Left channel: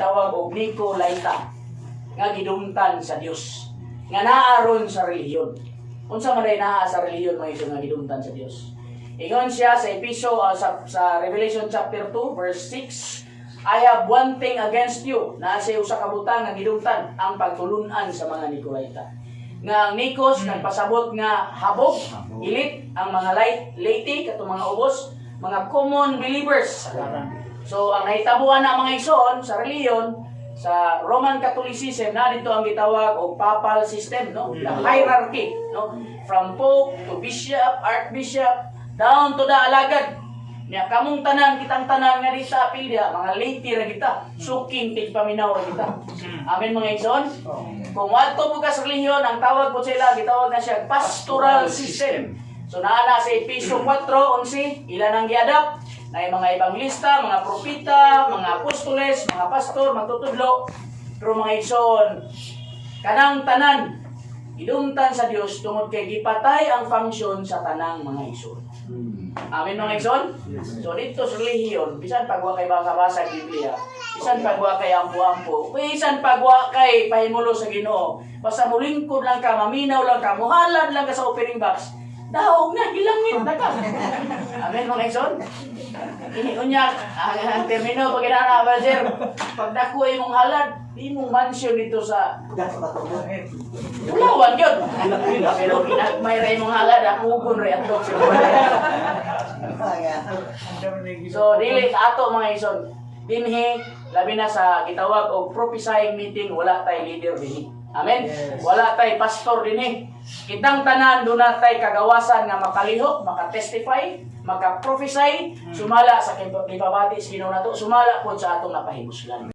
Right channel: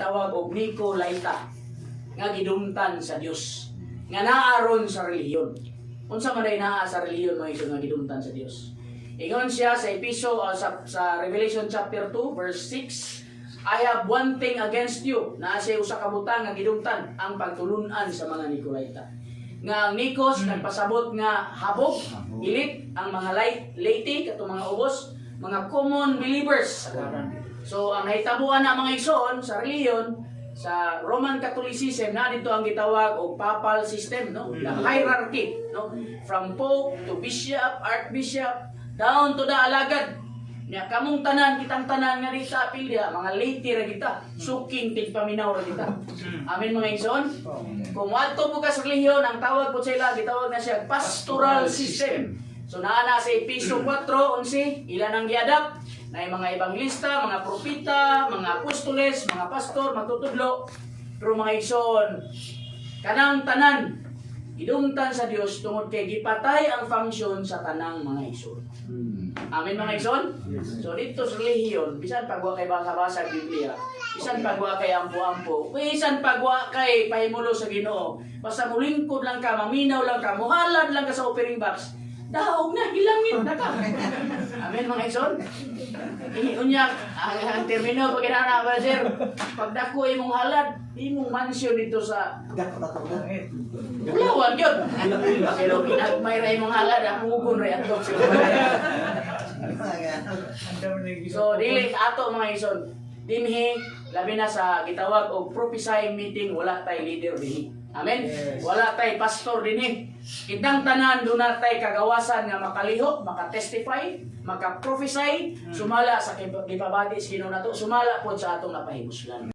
tawag og Nicolaita nga gidumtan sa Dios nga naaron sa relihiyon. Unsa man ay naa sa relihiyon mo iso nga gidumtan sa Dios? Ingon siya sa sa Revelation chapter 2 verse 6, I have one thing against you, na siya usa ka butang nga gidumtan ang pagtulunan sa mga Nicolaita. Nga ang Nikos nagpasabot nga habog, ilit ang mga laity katong mga ubos, mga common believers. So ang nahitabuan na mga igsoon sa reliyon, sa Roman Catholicism na dito ang gitawag og papal system, no? The hierarchy, no? From pope to bishop, archbishop, down to the alagad. Nya kamong tanan, kitang tanan nga rita apilya, mga laity ra kita, suking tigpaminaw ra kita. Amen mga igsoon. Kung adto mo ka sa reliyon, ang tawag ko sila gitawag na siya pastoral system. So naa na sa Efesio 4:11, ilan ang giadapt? Na mga ebanglista, mga propita, mga apostoles, mga pastor, magtutudlo. Pero mga igsoon, kanang tanan, idumtan sa Dios tungod kay gipatay ang function sa tanang mga igsoon. Amen mga igsoon? So dito sa relihiyon, bisan pagwa kay basa-basa Biblia, bisan pagwa kay ampo-ampo, bisan pagwa kay pahimulo sa Ginoo, basta mulingkod lang ka, maminaw lang ka, muhalad lang ka sa opening box, daog na, hilangin na ka. Amen mga igsoon? Unya, ang termino pag inana ba sir, pag dako imong halad, imong mansyon dito sa Ulawan yun. Pero may ray mong halad, ang ugon ray at dog. So, dili ato mga ison, dinhi, labi na sa gitawag o prophesying meeting, wala tay leader dinhi. Amen? Yes. Wala tay pastor dinhi. Kitang tanan, doon na tay kagawasan nga makalihok, makatestify, makaprophesy, sumala sa kipabati sa Ginoo nato, sumala po sa atong napahimuslan.